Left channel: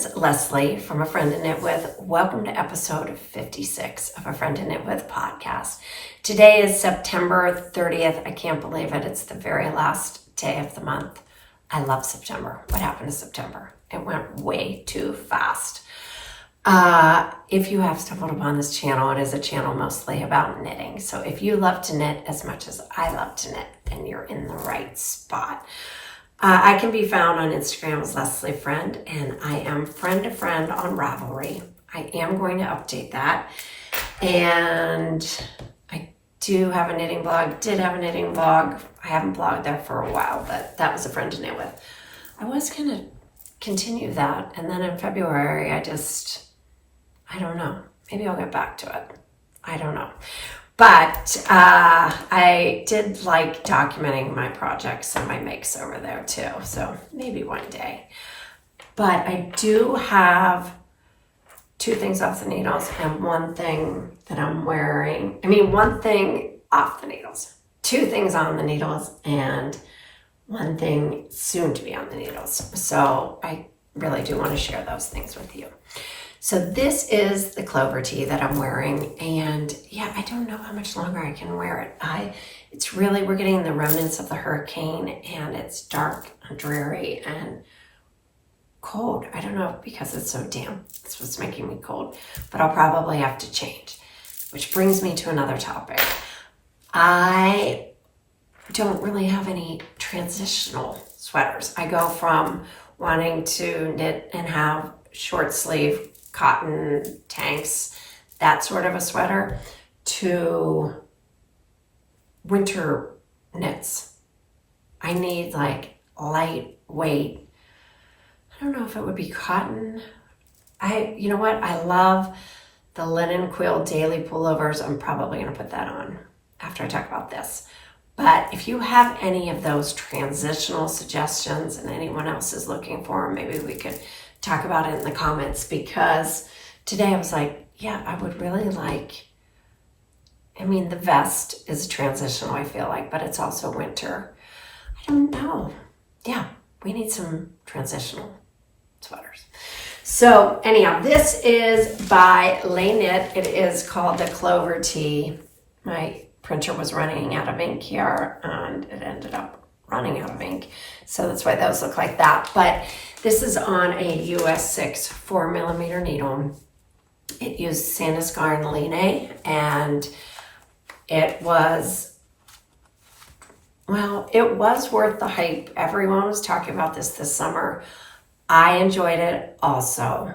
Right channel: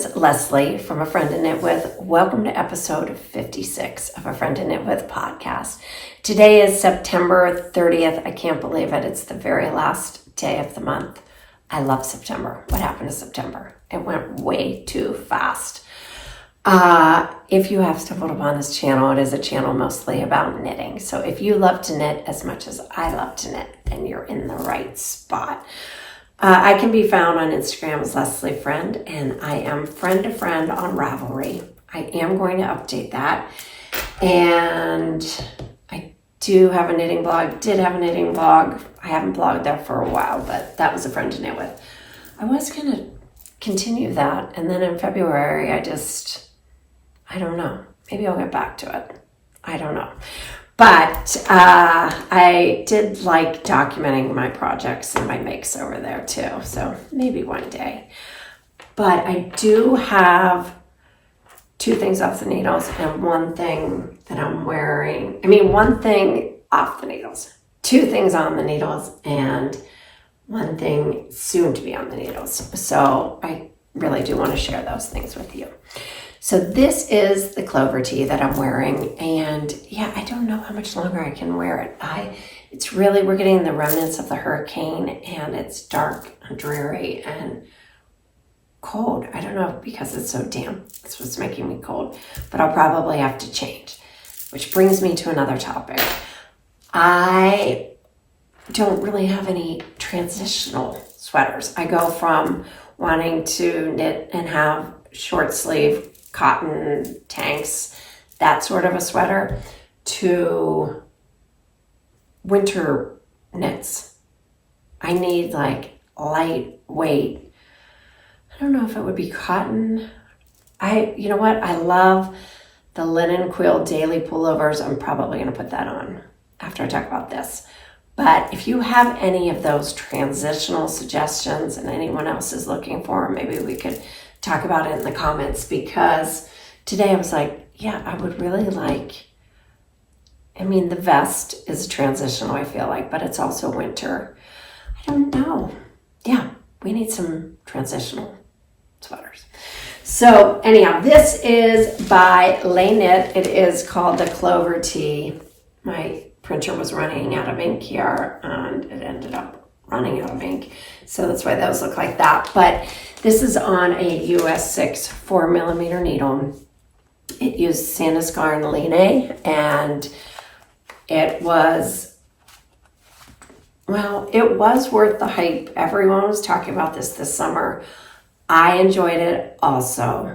is Leslie from A Friend to Knit With. Welcome to episode 56 of A Friend to Knit With podcast. Today is September 30th. I can't believe it. It's the very last day of the month. I love September. What happened to September? It went way too fast. If you have stumbled upon this channel, it is a channel mostly about knitting. So if you love to knit as much as I love to knit, then you're in the right spot. I can be found on Instagram as Leslie Friend, and I am friend to friend on Ravelry. I am going to update that. And I do have a knitting blog, did have a knitting blog. I haven't blogged there for a while, but that was A Friend to Knit With. I was going to continue that, and then in February, I don't know. Maybe I'll get back to it. I don't know. But I did like documenting my projects and my makes over there too. So maybe one day. But I do have two things off the needles and one thing that I'm wearing. One thing off the needles. Two things on the needles and one thing soon to be on the needles. So I really do want to share those things with you. So this is the Clover Tee that I'm wearing, and yeah, I don't know how much longer I can wear it. We're getting the remnants of the hurricane, and it's dark and dreary and cold. I don't know, because it's so damp. That's what's making me cold, but I'll probably have to change, which brings me to another topic. I don't really have any transitional sweaters. I go from wanting to knit and have short sleeve cotton tanks, that sort of a sweater, to winter knits. I need like lightweight, I don't know if it would be cotton. You know what? I love the linen quill Daily Pullovers. I'm probably going to put that on after I talk about this. But if you have any of those transitional suggestions and anyone else is looking for them, maybe we could talk about it in the comments, because today I was like, yeah, I would really like, the vest is transitional, I feel like, but it's also winter. I don't know. Yeah, we need some transitional sweaters. So anyhow, this is by Lay Knit. It is called the Clover Tee. My printer was running out of ink here and it ended up running out of ink. So that's why those look like that. But this is on a US 6 4mm needle. It used Sadnes Garn Line, and it was worth the hype. Everyone was talking about this summer. I enjoyed it also,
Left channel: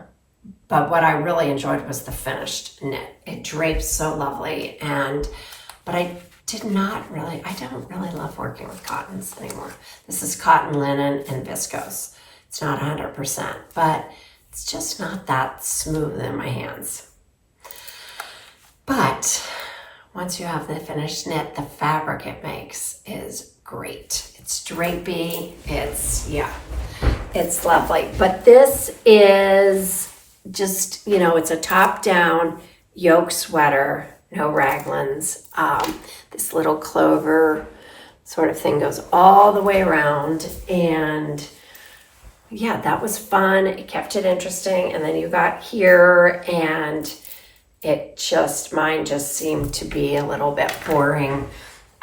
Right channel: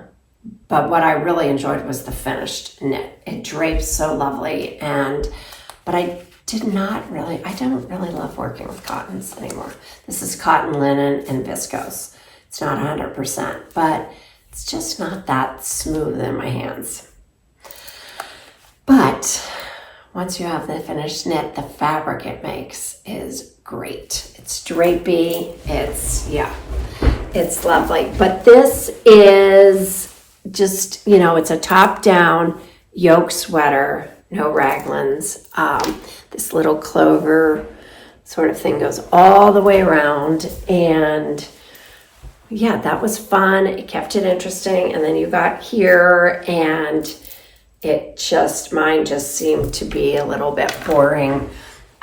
but what I really enjoyed was the finished knit. It drapes so lovely, but I don't really love working with cottons anymore. This is cotton, linen, and viscose. It's not 100%, but it's just not that smooth in my hands. But once you have the finished knit, the fabric it makes is great. It's drapey. It's lovely. But this is just, it's a top-down yoke sweater, no raglans. This little clover sort of thing goes all the way around, and yeah, that was fun. It kept it interesting. And then you got here, and mine just seemed to be a little bit boring.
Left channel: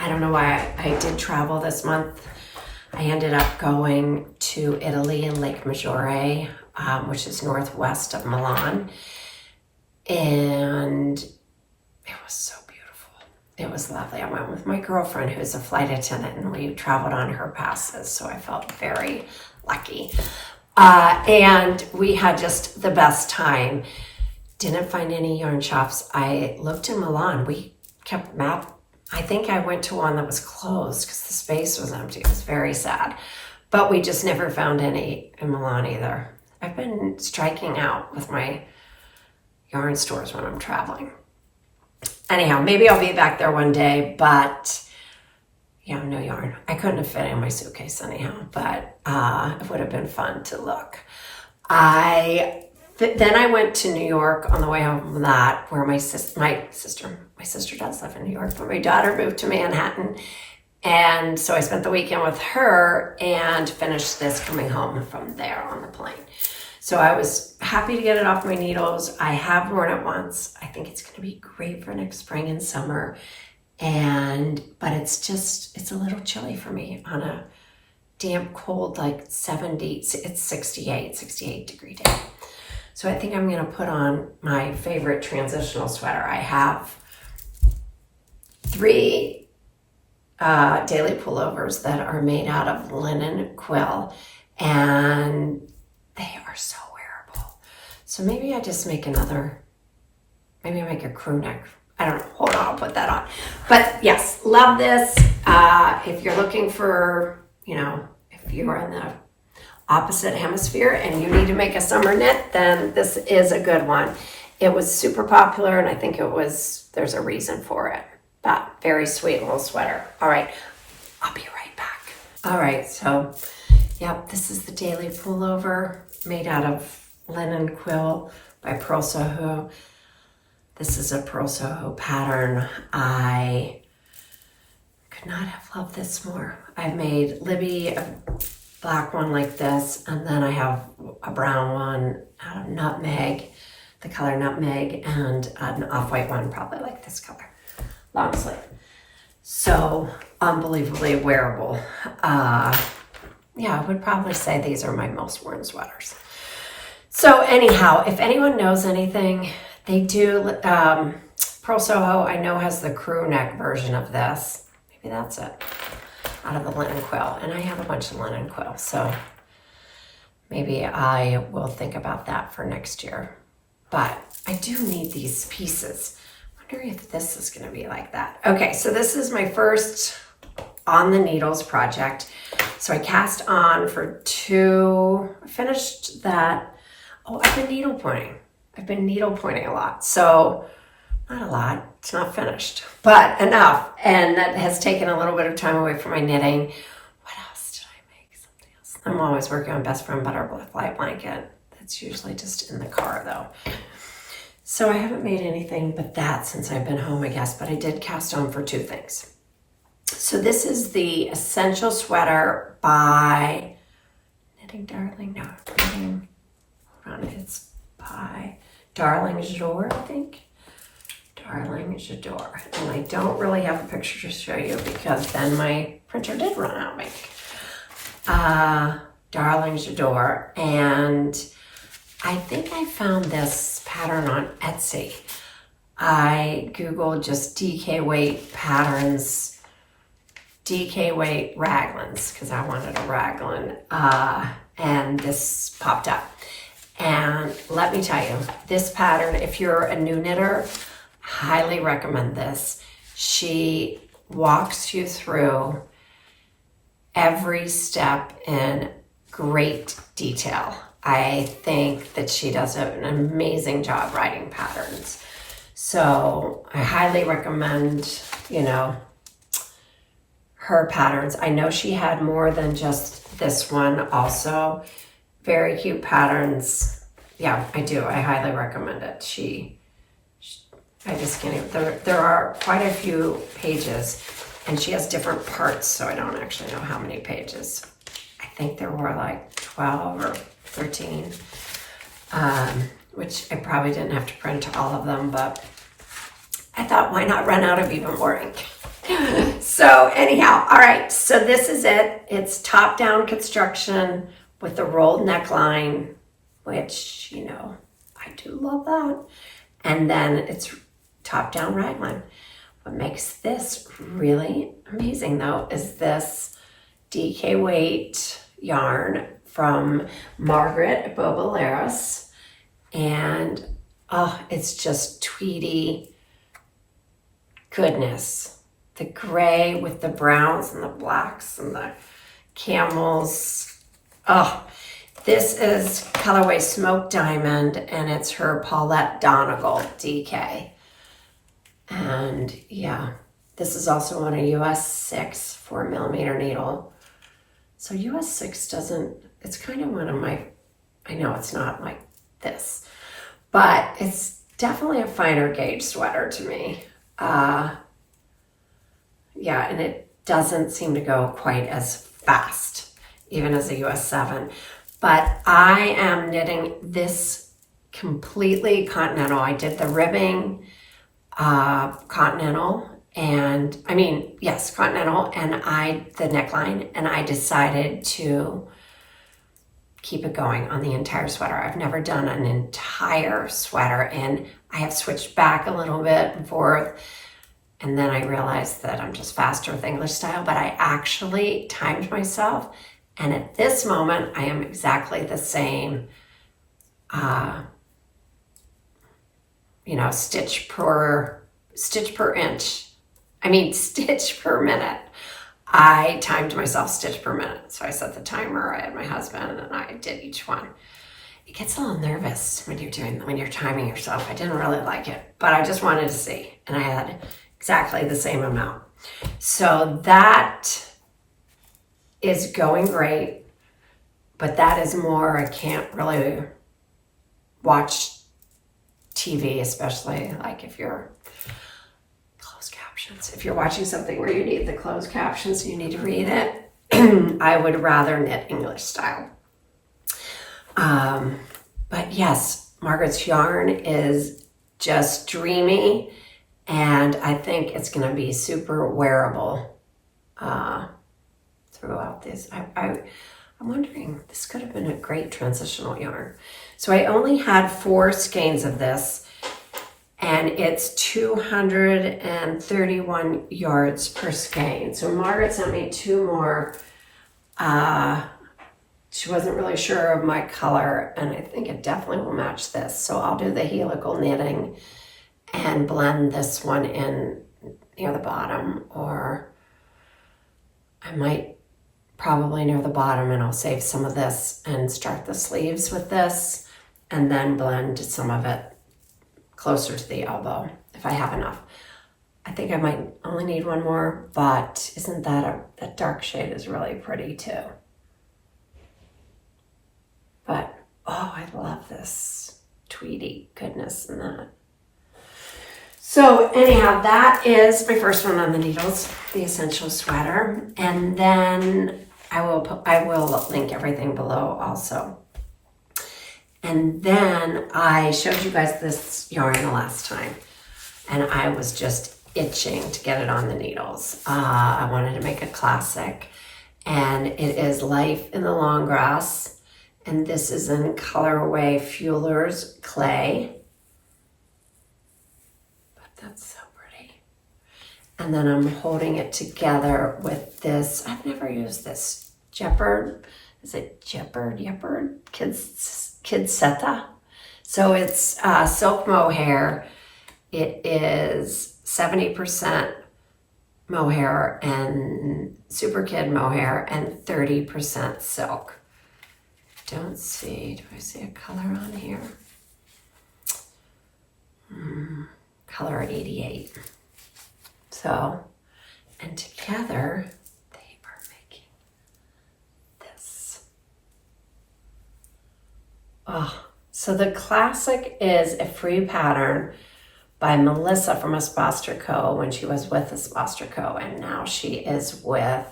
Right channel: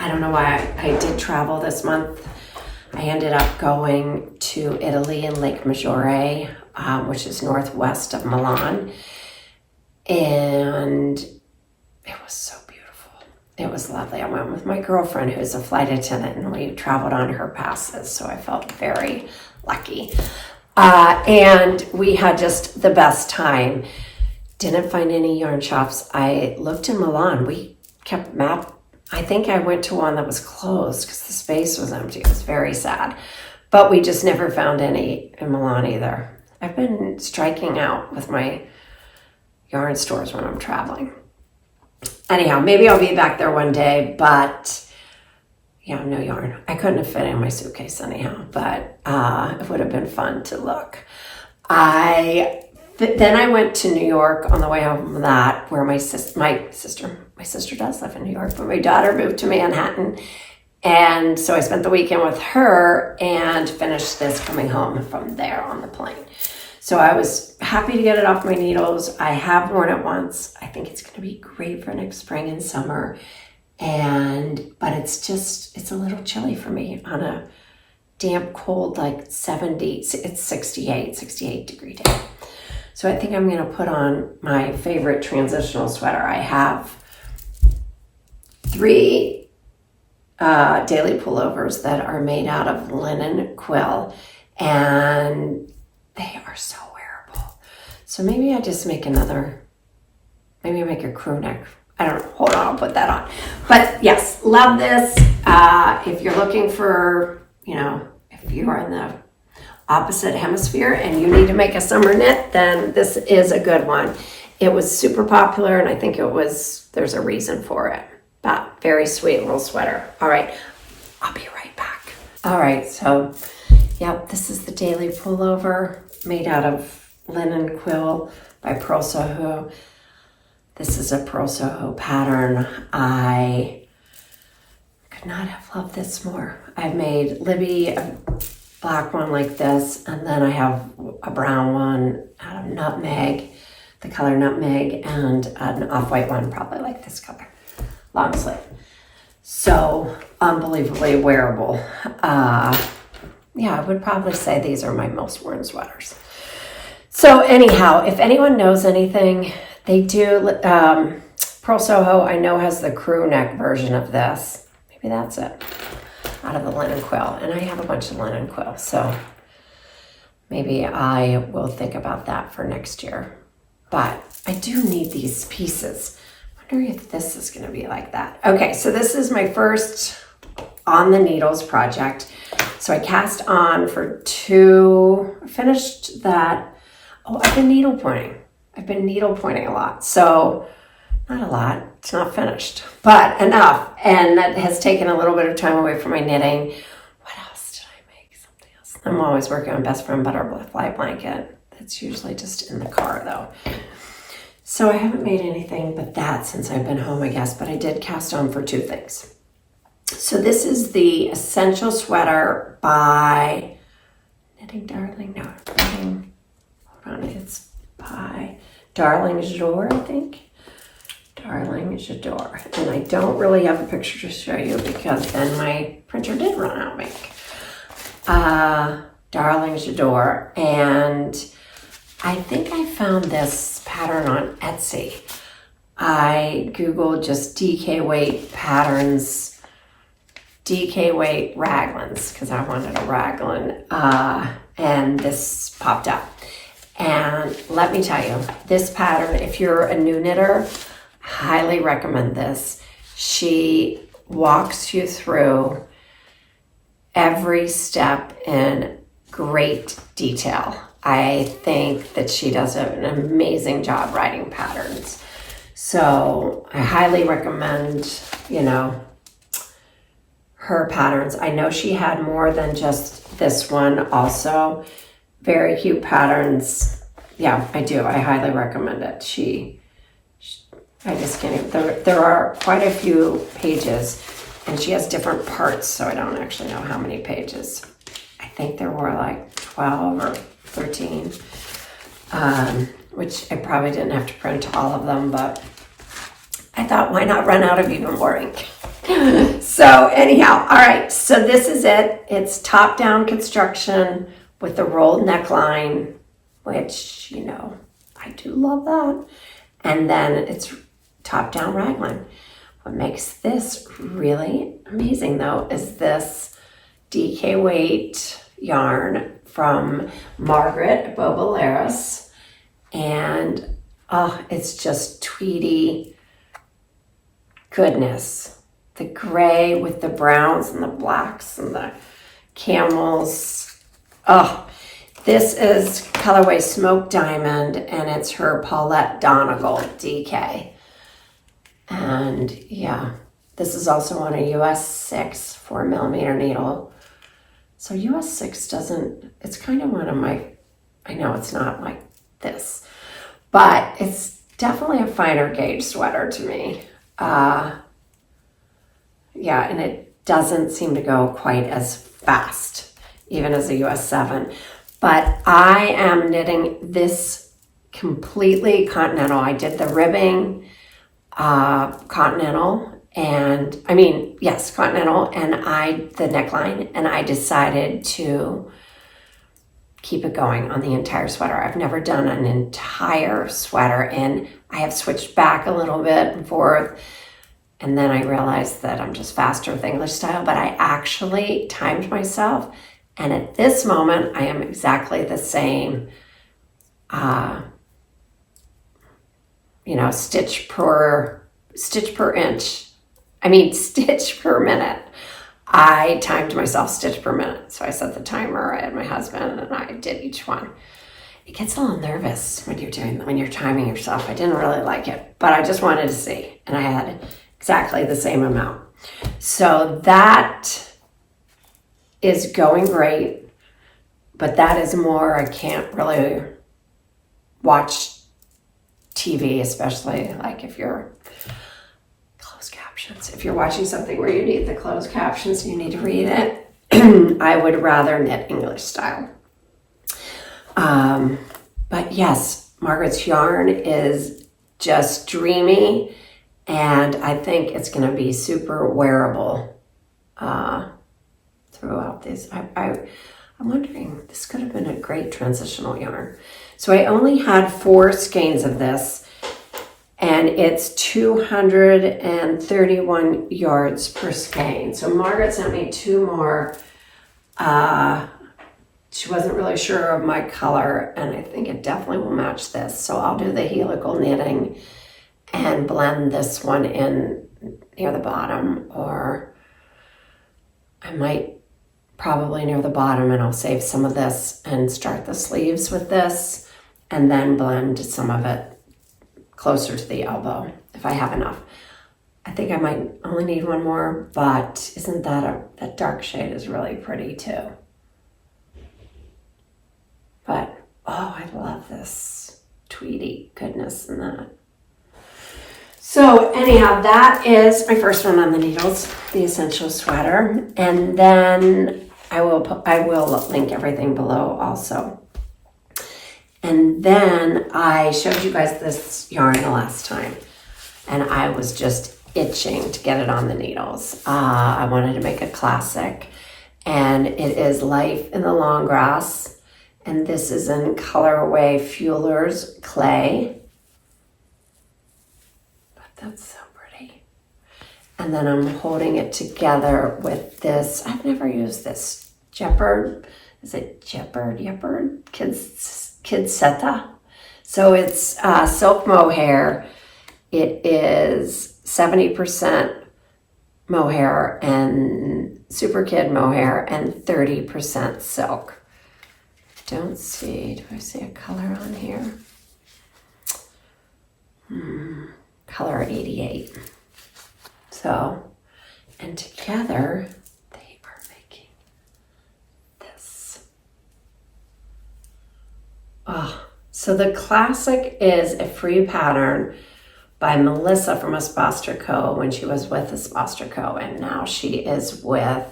I don't know why. I did travel this month. I ended up going to Italy and Lake Maggiore, which is northwest of Milan. And it was so beautiful. It was lovely. I went with my girlfriend, who's a flight attendant, and we traveled on her passes. So I felt very lucky. And we had just the best time. Didn't find any yarn shops. I looked in Milan. We kept map. I think I went to one that was closed because the space was empty. It was very sad. But we just never found any in Milan either. I've been striking out with my yarn stores when I'm traveling. Anyhow, maybe I'll be back there one day, but yeah, no yarn. I couldn't have fit in my suitcase anyhow, but it would have been fun to look. Then I went to New York on the way home from that, where my sister does live in New York, but my daughter moved to Manhattan. And so I spent the weekend with her and finished this coming home from there on the plane. So I was happy to get it off my needles. I have worn it once. I think it's going to be great for next spring and summer. But it's a little chilly for me on a damp, cold, like 70, it's 68 degree day. So I think I'm going to put on my favorite transitional sweater. I have 3 daily pullovers that are made out of linen quill, and they are so wearable. So maybe I just make maybe I make a crew neck. I don't know. Hold on, I'll put that on. But yes, love this. If you're looking for, if you are in the opposite hemisphere and you need to make a summer knit, then this is a good one. It was super popular, and I think there's a reason for it. But very sweet little sweater. All right, I'll be right back. All right, so yep, this is the daily pullover made out of linen quill by Pearl Soho. This is a Pearl Soho pattern. I could not have loved this more. I've made Libby a black one like this, and then I have a brown one out of nutmeg, the color nutmeg, and an off-white one, probably like this color, long sleeve. So unbelievably wearable. Yeah, I would probably say these are my most worn sweaters. So anyhow, if anyone knows anything, they do, Pearl Soho, I know, has the crew neck version of this. Maybe that's it, out of the linen quill. And I have a bunch of linen quill, so maybe I will think about that for next year. But I do need these pieces. I wonder if this is going to be like that. Okay, so this is my first on the needles project. So I cast on for 2, finished that. Oh, I've been needle pointing a lot. So not a lot, it's not finished, but enough. And that has taken a little bit of time away from my knitting. What else did I make? Something else. I'm always working on Best Friend Butterfly Blanket. That's usually just in the car though. So I haven't made anything but that since I've been home, I guess, but I did cast on for 2 things. So this is the Essential Sweater by Knitting Darling. No, Knitting, hold on, it's by Darling J'adore, I think. Darling J'adore. And I don't really have a picture to show you because then my printer did run out of ink. Darling J'adore. And I think I found this pattern on Etsy. I Googled just DK weight patterns, DK weight raglans, because I wanted a raglan, and this popped up. And let me tell you, this pattern, if you're a new knitter, highly recommend this. She walks you through every step in great detail. I think that she does an amazing job writing patterns. So I highly recommend, her patterns. I know she had more than just this one also. Very cute patterns. Yeah, I do. I highly recommend it. I just can't even, there are quite a few pages, and she has different parts, so I don't actually know how many pages. I think there were like 12 or 13, which I probably didn't have to print all of them, but I thought, why not run out of even more ink? So anyhow, all right, so this is it. It's top-down construction with the rolled neckline, which, I do love that. And then it's top-down raglan. What makes this really amazing, though, is this DK weight yarn from Margaret at Boboleros. And, it's just tweedy goodness. The gray with the browns and the blacks and the camels. Oh, this is colorway Smoke Diamond, and it's her Paulette Donegal DK. And yeah, this is also on a US 6 4mm needle. So US 6 it's kind of one of my, I know it's not like this, but it's definitely a finer gauge sweater to me. Yeah, and it doesn't seem to go quite as fast, even as a US 7. But I am knitting this completely continental. I did the ribbing continental, and continental, and the neckline, and I decided to keep it going on the entire sweater. I've never done an entire sweater, and I have switched back a little bit and forth, and then I realized that I'm just faster with English style, but I actually timed myself, and at this moment I am exactly the same stitch per minute. I timed myself stitch per minute. So I set the timer, I had my husband, and I did each one. It gets a little nervous when you're timing yourself. I didn't really like it, but I just wanted to see. And I had exactly the same amount. So that is going great, but that is more, I can't really watch TV, especially like if you're closed captions. If you're watching something where you need the closed captions, you need to read it. I would rather knit English style. But yes, Margaret's yarn is just dreamy, and I think it's going to be super wearable throughout this. I'm wondering, this could have been a great transitional yarn. So I only had 4 skeins of this, and it's 231 yards per skein. So Margaret sent me 2 more. She wasn't really sure of my color, and I think it definitely will match this. So I'll do the helical knitting and blend this one in near the bottom, or I might probably near the bottom, and I'll save some of this and start the sleeves with this, and then blend some of it closer to the elbow if I have enough. I think I might only need 1 more, but isn't that that dark shade is really pretty too. But, oh, I love this tweedy goodness in that. So anyhow, that is my first one on the needles, the Essential Sweater. And then I will link everything below also. And then I showed you guys this yarn the last time, and I was just itching to get it on the needles. I wanted to make a classic, and it is Life in the Longgrass, and this is in colorway Fueller's Clay. But that's so pretty. And then I'm holding it together with this. I've never used this Gepard. Is it Gepard? Kids Seta. So it's silk mohair. It is 70% mohair and super kid mohair and 30% silk. Do I see a color on here? Color 88. So, and together they are making this. Oh, so the classic is a free pattern by Melissa from Esposter Co. when she was with Esposter Co. and now she is with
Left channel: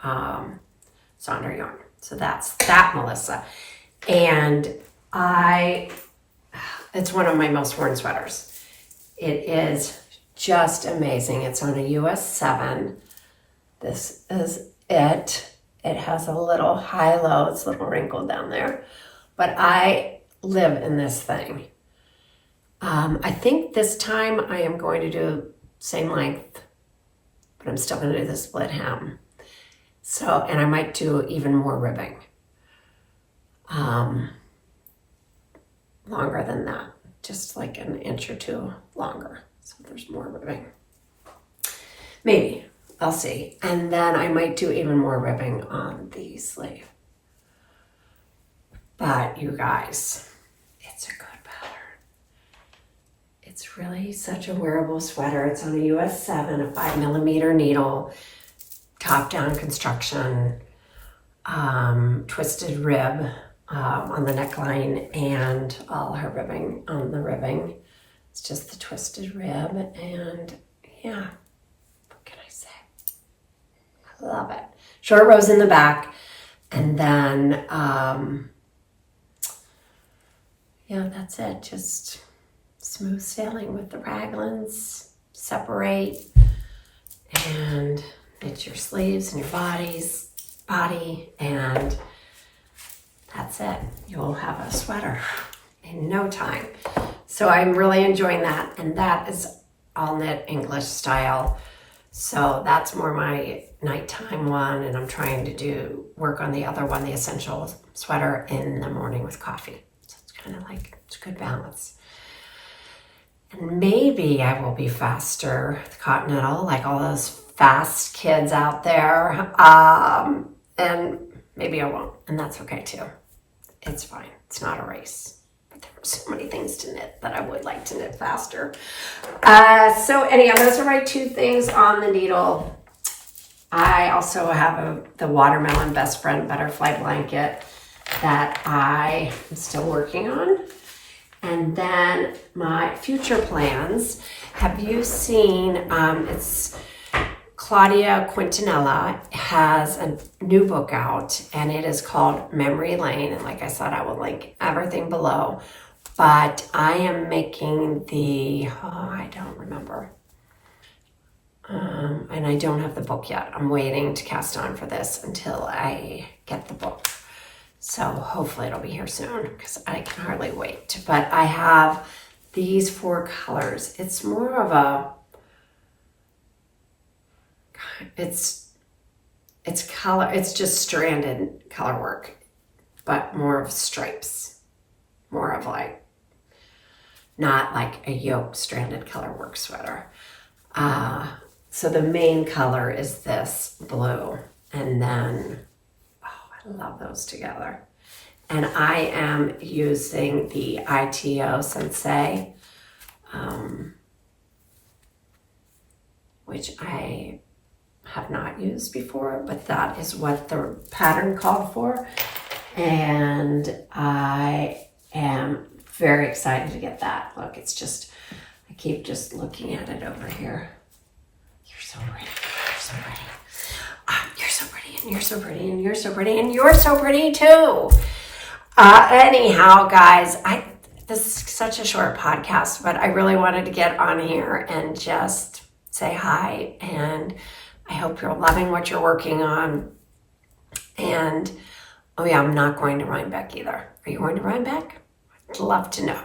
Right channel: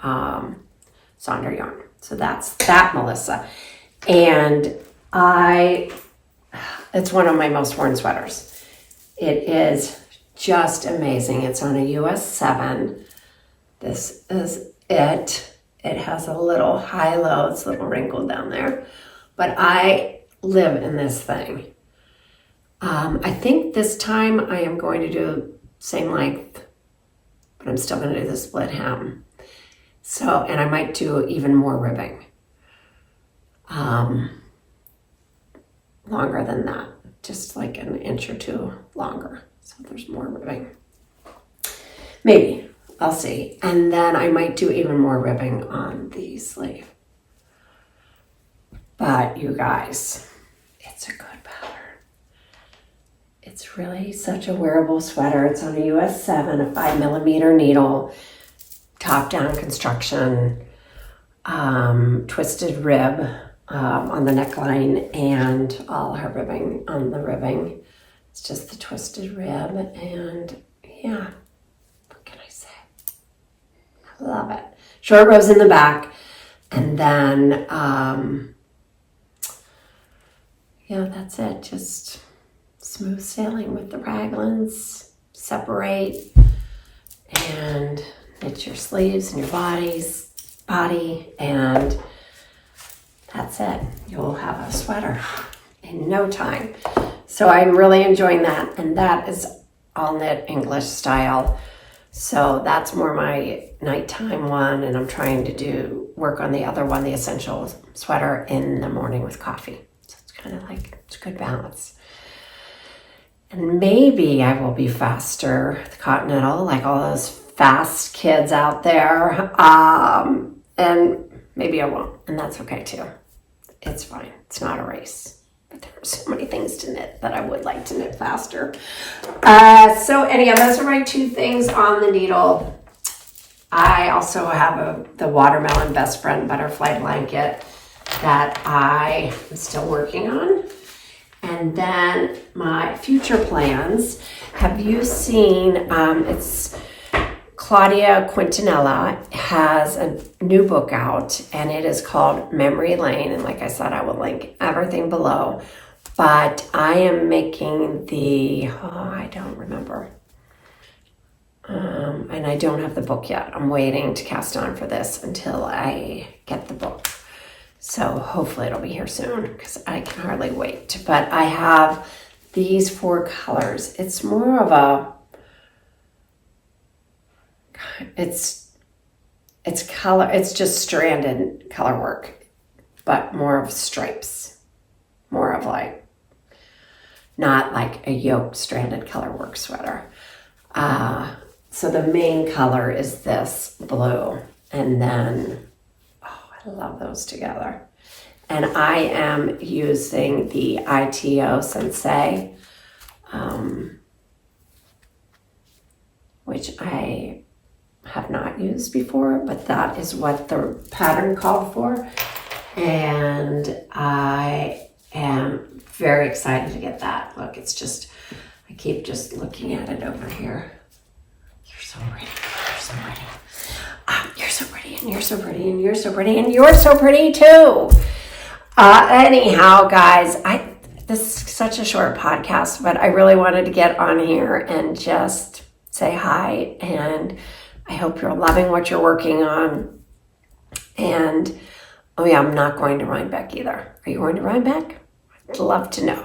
Sonder Yarn. So that's that Melissa. And it's one of my most worn sweaters. It is just amazing. It's on a US 7. This is it. It has a little high-low. It's a little wrinkled down there. But I live in this thing. I think this time I am going to do same length, but I'm still going to do the split hem. So, and I might do even more ribbing. Longer than that, just like an inch or 2 longer. So there's more ribbing. Maybe, I'll see. And then I might do even more ribbing on the sleeve. But you guys, it's a good pattern. It's really such a wearable sweater. It's on a US 7, a 5mm needle, top-down construction, twisted rib on the neckline, and all her ribbing on the ribbing. It's just the twisted rib, and yeah, what can I say? I love it. Short rows in the back, and then yeah, that's it. Just smooth sailing with the raglans. Separate and knit your sleeves and your body, and that's it. You'll have a sweater in no time. So I'm really enjoying that, and that is all knit English style. So that's more my nighttime one, and I'm trying to work on the other one, the essential sweater, in the morning with coffee. So it's kind of like, it's a good balance. And maybe I will be faster with Continental, like all those fast kids out there. And maybe I won't, and that's okay too. It's fine. It's not a race. But there are so many things to knit that I would like to knit faster. So anyhow, those are my two things on the needle. I also have the Watermelon Best Friend Butterfly Blanket that I am still working on. And then my future plans. Have you seen, it's Claudia Quintanilla has a new book out, and it is called Memory Lane. And like I said, I will link everything below. But I am making I don't remember. And I don't have the book yet. I'm waiting to cast on for this until I get the book. So hopefully it'll be here soon, because I can hardly wait. But I have these 4 colors. It's more of a, it's color, it's just stranded color work, but more of stripes, more of like, not like a yoke stranded color work sweater. So the main color is this blue, and then, I love those together. And I am using the ITO Sensei, which I have not used before, but that is what the pattern called for. And I am very excited to get that. Look, it's just, I keep just looking at it over here. You're so pretty, you're so pretty. You're so pretty, and you're so pretty, and you're so pretty, and you're so pretty too. Anyhow, guys, this is such a short podcast, but I really wanted to get on here and just say hi, and I hope you're loving what you're working on. And, oh yeah, I'm not going to Rhinebeck either. Are you going to Rhinebeck? I'd love to know.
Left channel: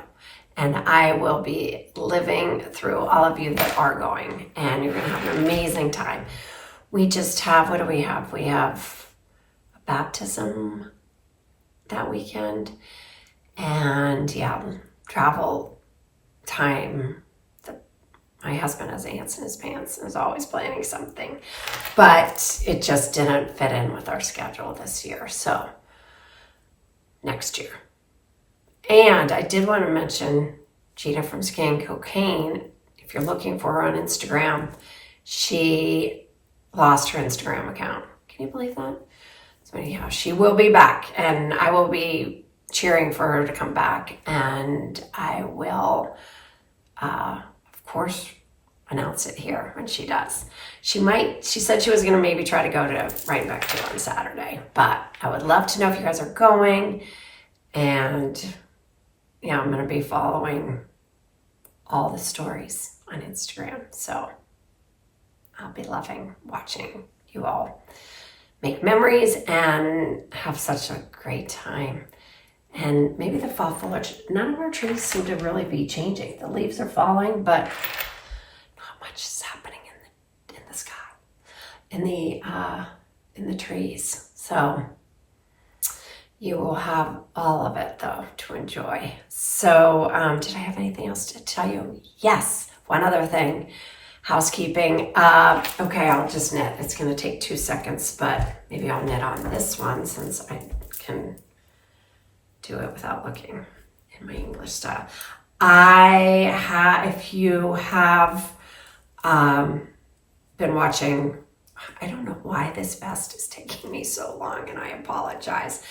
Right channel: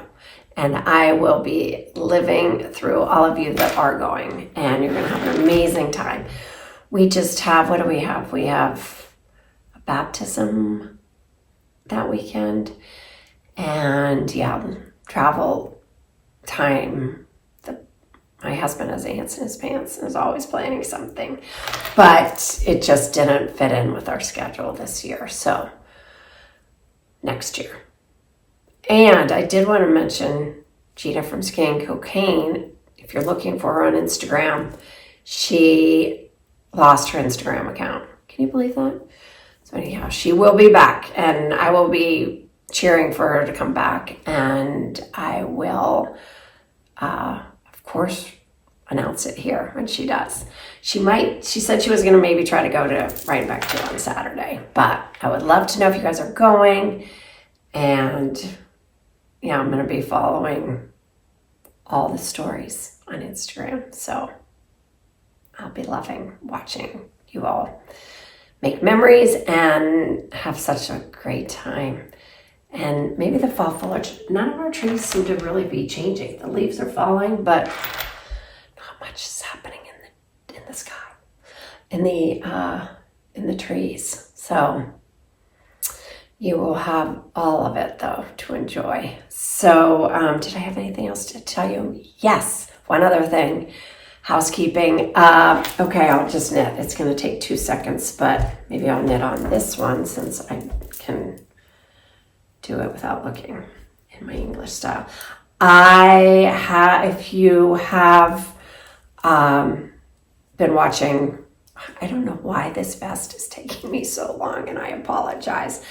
And I will be living through all of you that are going, and you're going to have an amazing time. We just have, what do we have? We have a baptism that weekend, and yeah, travel time. My husband has ants in his pants and is always planning something, but it just didn't fit in with our schedule this year, so next year. And I did want to mention Gina from Scan Cocaine. If you're looking for her on Instagram, she lost her Instagram account. Can you believe that? So anyhow, she will be back, and I will be cheering for her to come back, and I will, of course, announce it here when she does. She said she was going to maybe try to go to Rhinebeck too on Saturday, but I would love to know if you guys are going, and yeah, I'm going to be following all the stories on Instagram, so I'll be loving watching you all make memories and have such a great time. And maybe the fall foliage, none of our trees seem to really be changing. The leaves are falling, but not much is happening in the sky, in the trees. So you will have all of it though to enjoy. So did I have anything else to tell you? Yes, one other thing. Housekeeping. Okay, I'll just knit. It's going to take 2 seconds, but maybe I'll knit on this one since I can do it without looking in my English style. If you have been watching, I don't know why this vest is taking me so long, and I apologize,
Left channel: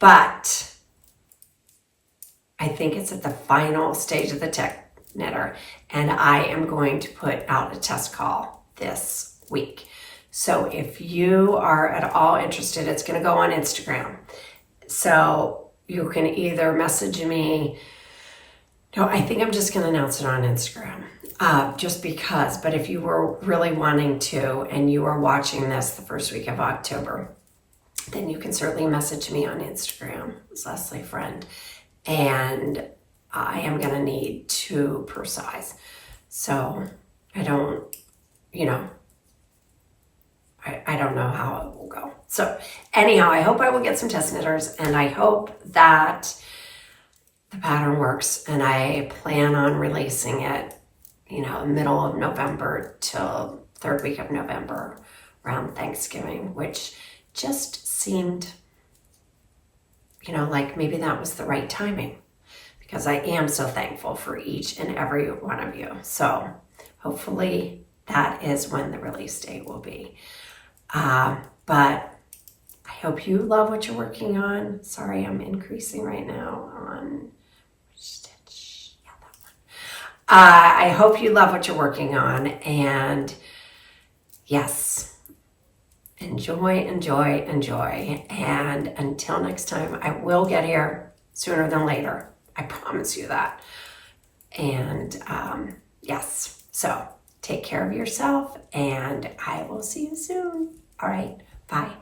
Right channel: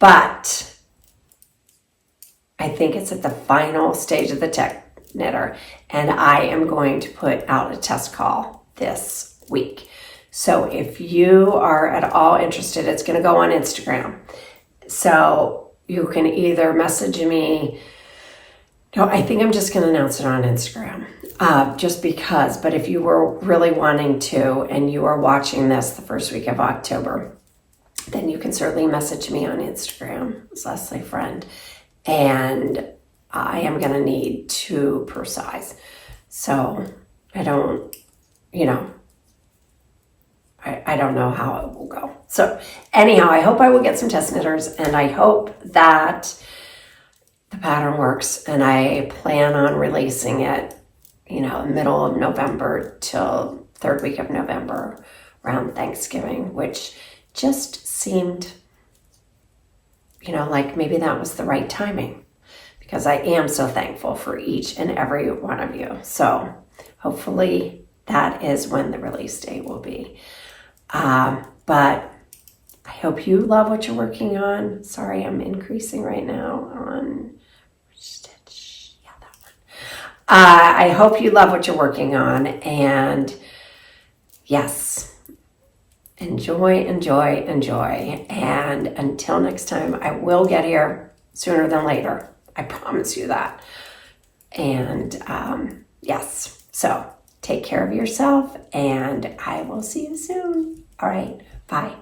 but I think it's at the final stage of the tech knitter, and I am going to put out a test call this week. So if you are at all interested, it's going to go on Instagram. So you can either message me No, I think I'm just going to announce it on Instagram, just because. But if you were really wanting to and you are watching this the first week of October, then you can certainly message me on Instagram. It's Leslie Friend. And I am going to need 2 per size. So I don't, I don't know how it will go. So anyhow, I hope I will get some test knitters, and I hope that the pattern works, and I plan on releasing it, middle of November till 3rd week of November, around Thanksgiving, which just seemed, like maybe that was the right timing, because I am so thankful for each and every one of you. So hopefully that is when the release date will be. But I hope you love what you're working on. Sorry, I'm increasing right now on stitch. Yeah, that one. I hope you love what you're working on. And yes, enjoy. And until next time, I will get here sooner than later. I promise you that. And yes, so take care of yourself, and I will see you soon. All right, bye.